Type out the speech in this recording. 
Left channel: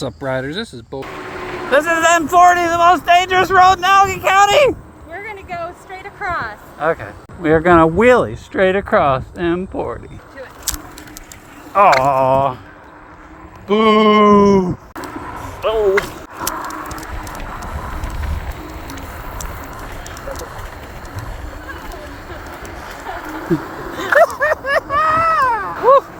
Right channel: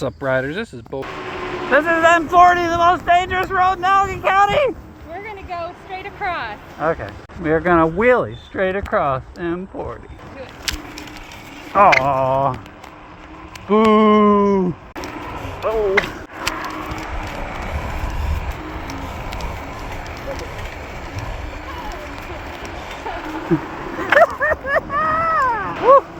What's up, riders? This is Bo. This is M40, the most dangerous road in Allegheny County. We're gonna go straight across. Okay. We are gonna wheelie straight across M40. Do it. Oh. Boo. Oh. Woo.